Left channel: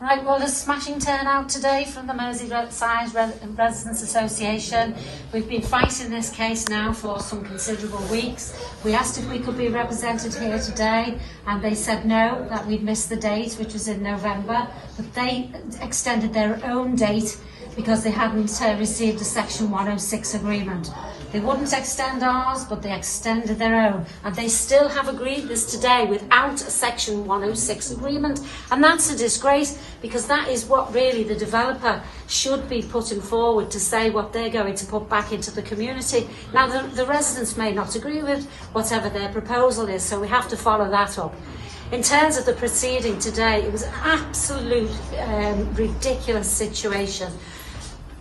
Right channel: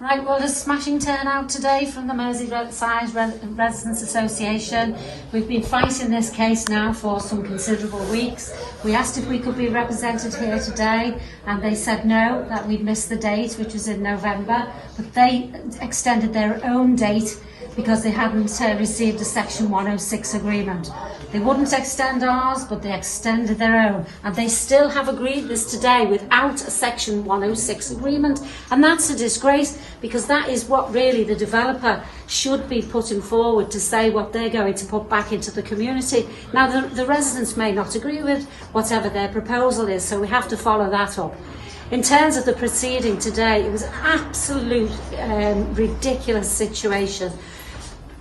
Right, well, there's a smashing turnout today from the Merseyside Residents Association. We've been fighting this case now for some considerable weeks. We asked if we could be represented here today, and they said no, that we'd missed the date, which was in November, but they extended their own date because they hadn't received a Section 106 agreement. They wouldn't extend ours, but they extended their own, and they still have agreed this today without a Section 106 agreement, and that's a disgrace, because that is what really the developer should be putting forward to say what they're going to put back into the community. Now, the residents may not agree with whatever their proposal is, so we have to follow that up. In terms of the proceeding today, it was an absolute ridiculous situation.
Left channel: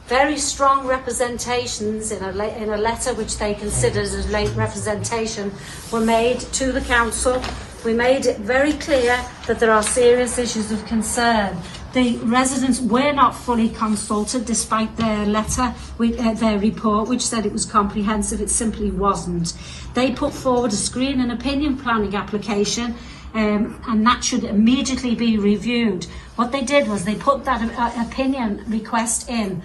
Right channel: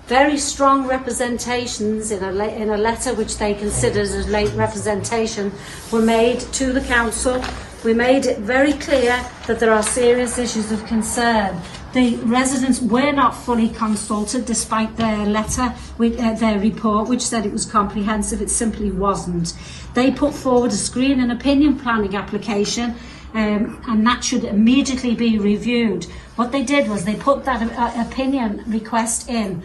Very strong representations in a letter which they considered as late representation were made to the council. We made it very clear that there are serious issues of concern. The residents were not fully consulted despite their letter, their report, which said it was comprehensive. It simply wasn't. They put forward a screen and opinion planning application, and that should immediately be reviewed. What they did was they put that opinion request in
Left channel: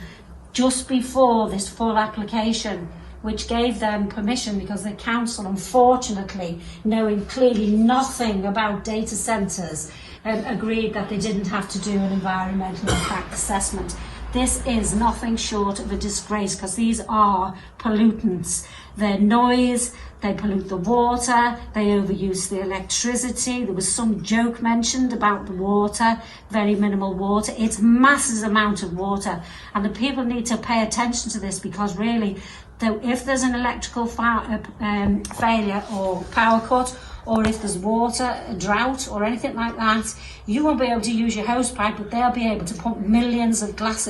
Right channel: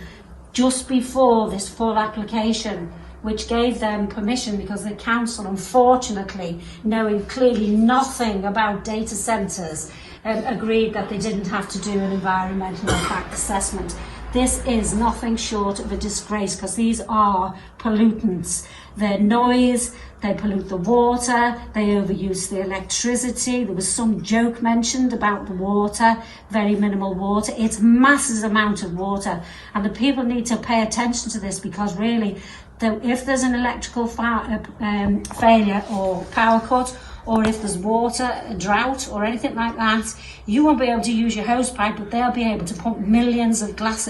just before this full application, which gave them permission, because the council, unfortunately, knowing clearly nothing about data centres, agreed that they didn't have to do an environmental impact assessment. This is nothing short of a disgrace, because these are pollutants. They're noise, they pollute the water, they overuse the electricity. There was some joke mentioned about the water, very minimal water. It's massive amount of water, and the people need to pay attention to this, because really, if there's an electrical failure or power cut, or if there's water, a drought or anything like that, you won't be able to use your hose pipe, but they'll be able to pump millions of gallons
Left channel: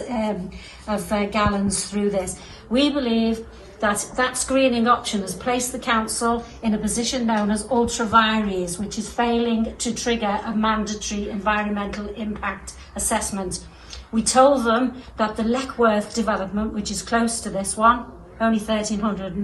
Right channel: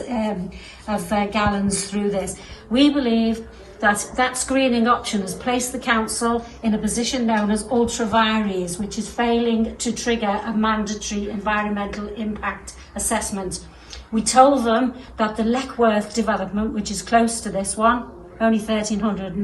through this. We believe that screening option has placed the council in a position known as ultra vires, which is failing to trigger a mandatory environmental impact assessment. We told them that the Leckworth development, which is close to this one, only 1,300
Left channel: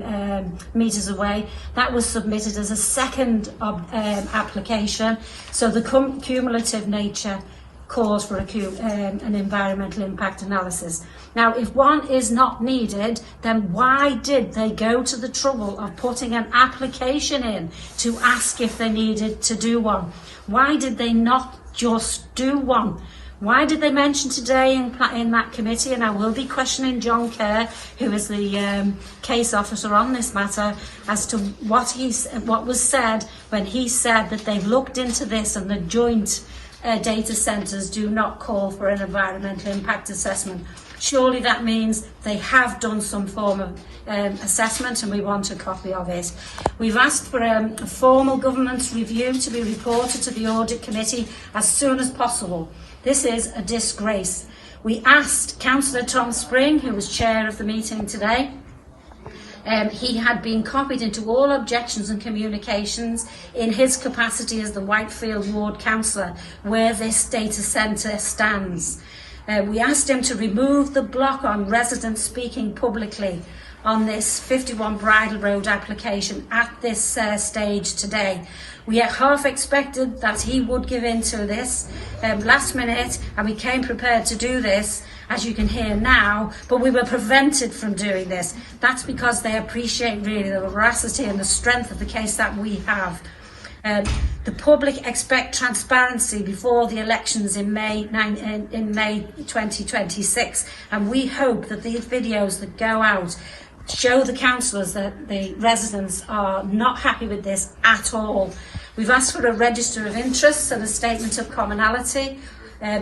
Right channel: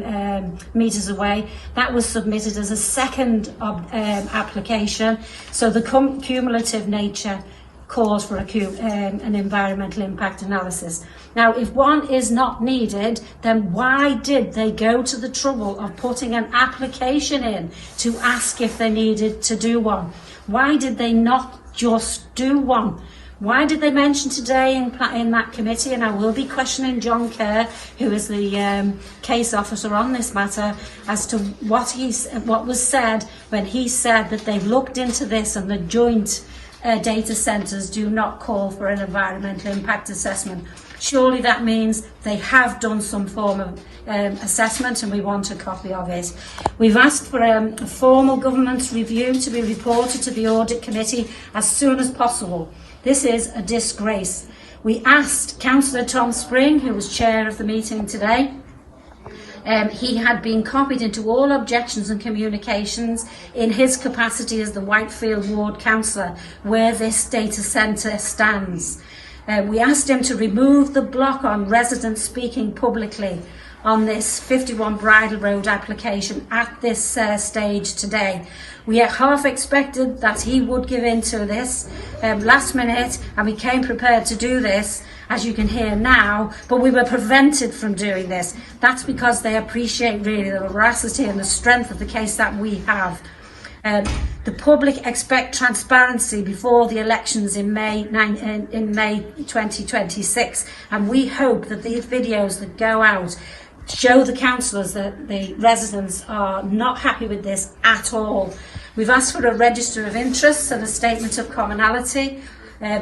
metres away, that was submitted as a second application, so the cumulative nature calls for an environmental impact analysis. Now, if one is not needed, then why did they go to the trouble of putting an application in to ask if they needed to do one? Why did they not just do one? Why did they mention today in that committee, and I will be questioning John Kerr, who is the case officer on this matter, as to what was said when he said that they've looked into this and the joint data centres do not call for an environmental impact assessment. Surely that means they have done some form of assessment, and we want a copy of it. We've asked for a formal governance review to be reported to the audit committee as soon as possible. This is a disgrace. We asked Councillor Tom Spring, who was chair of the meeting today. He had been copied into all objections and communications in his capacity as the Whitefield Ward Councillor, where this data centre stands. We asked him to remove the block on residents speaking publicly on this 51 Bridle Road application at this stage today. We half expected that he would give in to this last minute, and we came prepared to do this, as you can hear now, but we were prevented from doing this. That's because they appreciate really the veracity and the strength of the case that we have. The public expect transparency before the elections in May 2026, and we hope that these videos that go out show the councillors that the residents are not happy with this at all. We've asked for a register of interests and a statement of commonality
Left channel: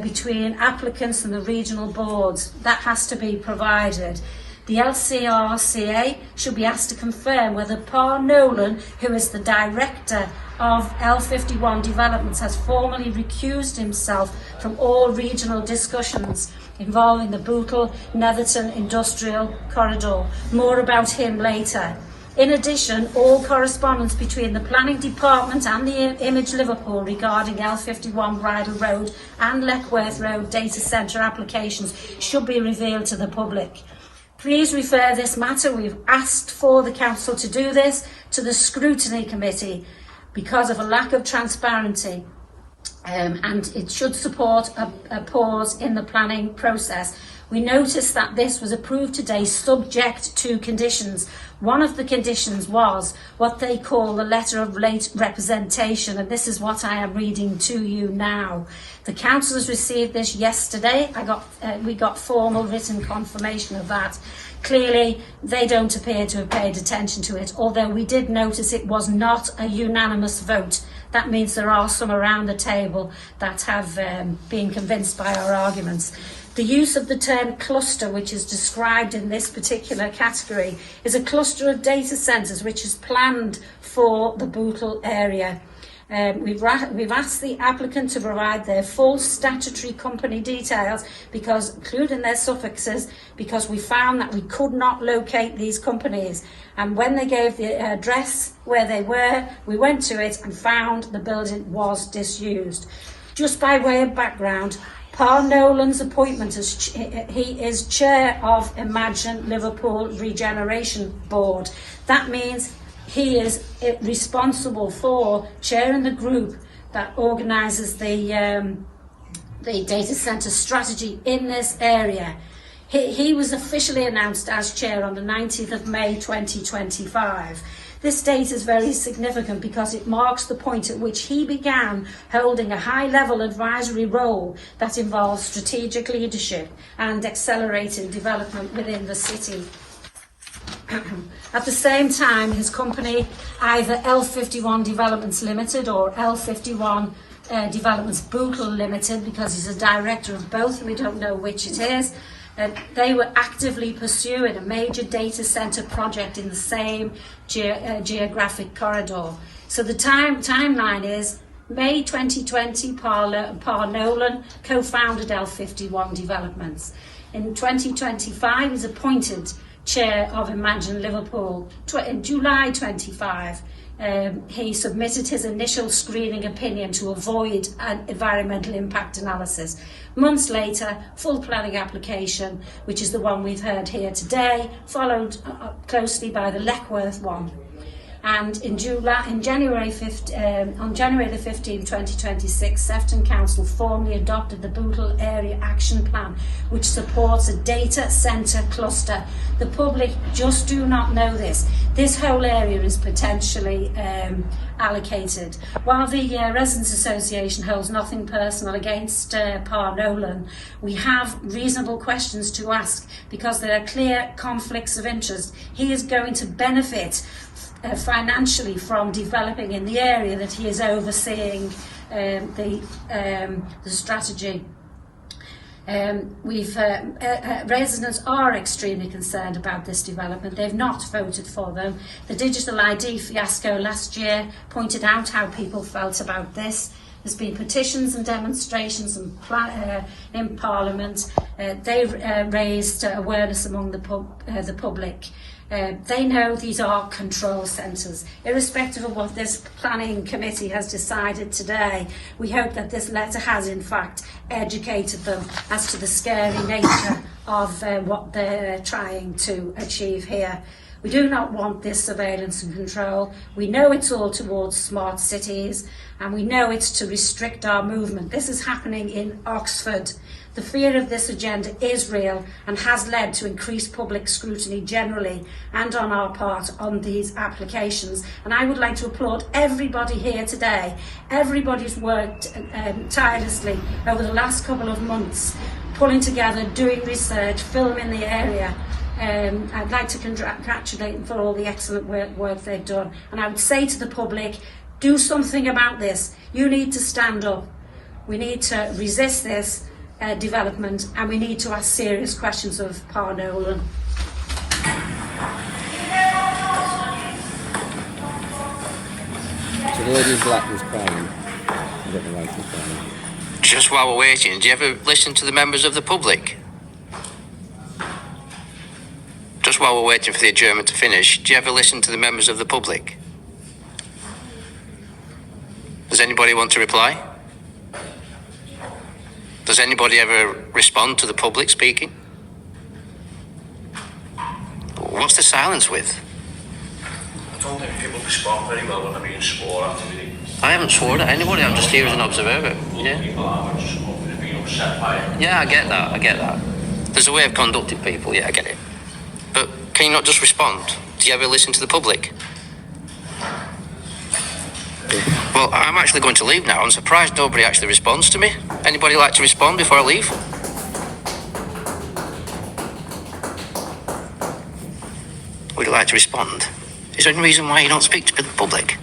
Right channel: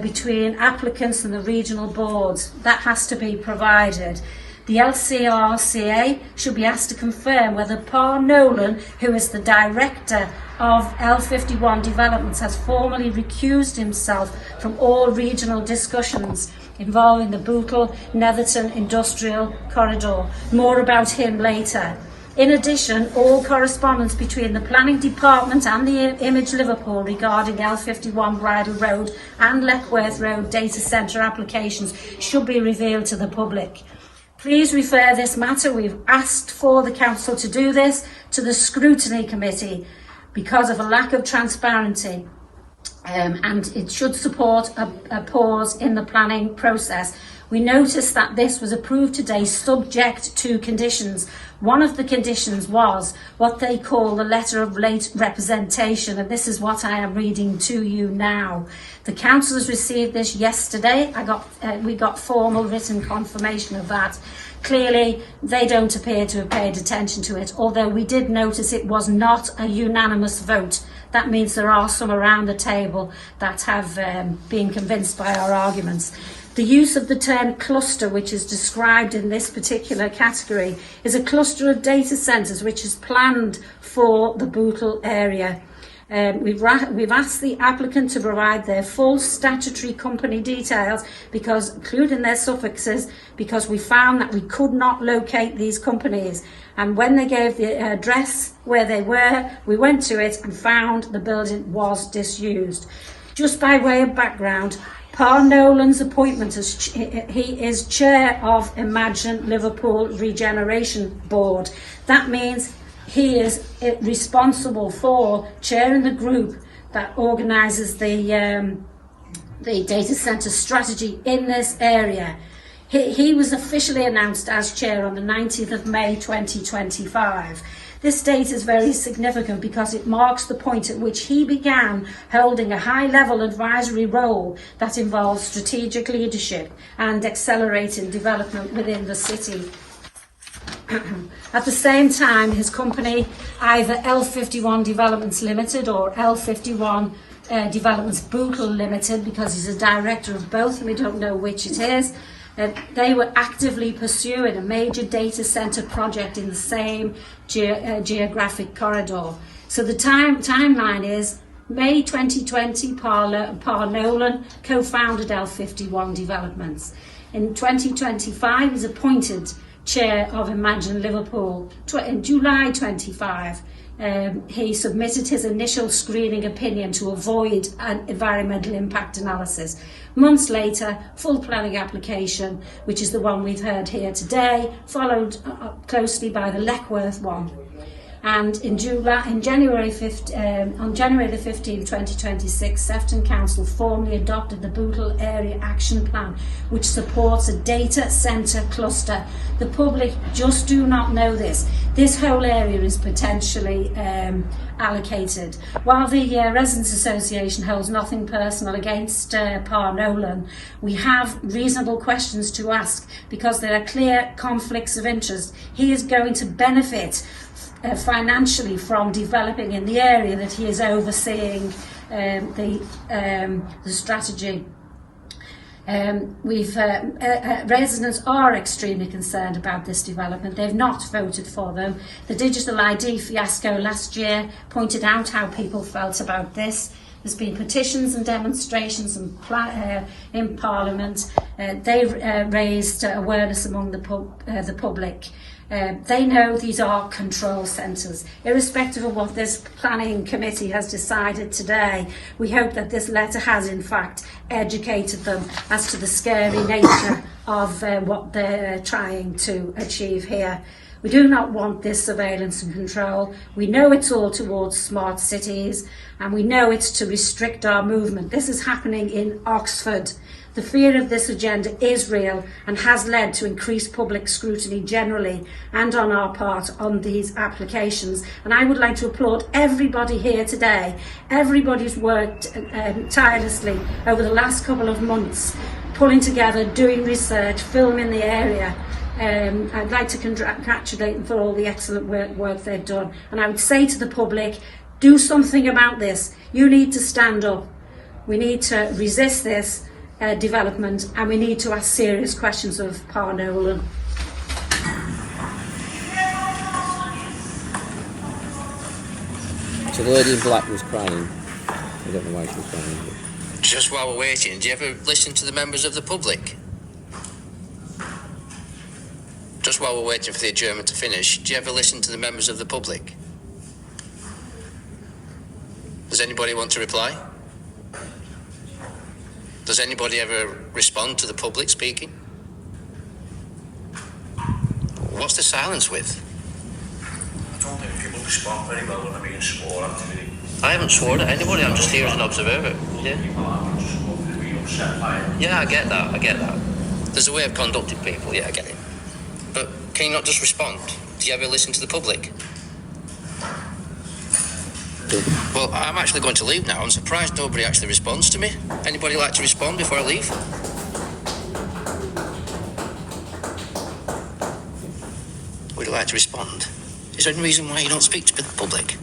between applicants and the regional boards. That has to be provided. The LCRCA should be asked to confirm whether Paul Nolan, who is the director of L51 Developments, has formally recused himself from all regional discussions involving the Bootle Netherton Industrial Corridor. More about him later. In addition, all correspondence between the Planning Department and the Image Liverpool regarding L51 Bridle Road and Leckworth Road data centre applications should be revealed to the public. Please refer this matter, we've asked for the council to do this, to the scrutiny committee because of a lack of transparency. and it should support a pause in the planning process. We noticed that this was approved today subject to conditions. One of the conditions was what they call the letter of late representation, and this is what I am reading to you now. The councillors received this yesterday. We got formal written confirmation of that. Clearly, they don't appear to have paid attention to it, although we did notice it was not a unanimous vote. That means there are some around the table that have been convinced by our arguments. The use of the term cluster, which is described in this particular category, is a cluster of data centres which is planned for the Bootle area. We've asked the applicant to provide their full statutory company details, including their suffixes, because we found that we could not locate these companies. And when they gave the address where they were, we went to it and found the building was disused. Just by way of background, Paul Nolan's appointment he is chair of Imagine Liverpool Regeneration Board. That means he is responsible for chairing the group that organises the data centre strategy in this area. He was officially announced as chair on the 19th of May 2025. This date is very significant because it marks the point at which he began holding a high-level advisory role that involves strategic leadership and accelerating development within the city. At the same time, his company, either L51 Developments Limited or L51 Developments Bootle Limited, because he's a director of both, we don't know which it is, they were actively pursuing a major data centre project in the same geographic corridor. So the timeline is May 2020, Paul Nolan co-founded L51 Developments. In 2025, he's appointed chair of Imagine Liverpool. In July 25, he submitted his initial screening opinion to avoid an environmental impact analysis. Months later, full planning application, which is the one we've heard here today, followed closely by the Leckworth one. And on January the 15th, 2026, Sefton Council formally adopted the Bootle Area Action Plan, which supports a data centre cluster. The public just do not know this. This whole area is potentially allocated. While the Residents Association holds nothing personal against Par Nolan, we have reasonable questions to ask because there are clear conflicts of interest. He is going to benefit financially from developing in the area that he is overseeing the strategy. Residents are extremely concerned about this development. They've not voted for them. The digital ID fiasco last year pointed out how people felt about this. There's been petitions and demonstrations in Parliament. They raised awareness among the public. They know these are control centres. Irrespective of what this planning committee has decided today, we hope that this letter has in fact educated them as to the scary nature of what they're trying to achieve here. We do not want this surveillance and control. We know it's all towards smart cities, and we know it's to restrict our movement. This is happening in Oxford. The fear of this agenda is real and has led to increased public scrutiny generally and on our part on these applications. And I would like to applaud everybody here today. Everybody's worked tirelessly over the last couple of months, pulling together, doing research, filming the area. I'd like to congratulate them for all the excellent work they've done. And I would say to the public, do something about this. You need to stand up. We need to resist this development, and we need to ask serious questions of Par Nolan. So the lady in black was crying. I don't know why she was crying. Just while we're waiting, do you ever listen to the members of the public? Just while we're waiting for the adjournment to finish, do you ever listen to the members of the public? Does anybody want to reply? Does anybody ever respond to the public speaking? What's the silence with? I don't think people respond very well when I'm being swore at, really. I haven't sworn at anybody, I'm just here as an observer. Yeah. Yeah, I get that. There's a way of conducting people, yeah, I get it. But can you not just respond? Do you ever listen to the public? Well, I'm actually going to leave now. I'm surprised nobody actually responds to me. Anybody like to respond before I leave? Would you like to respond? Is there any reason why you don't speak to the public?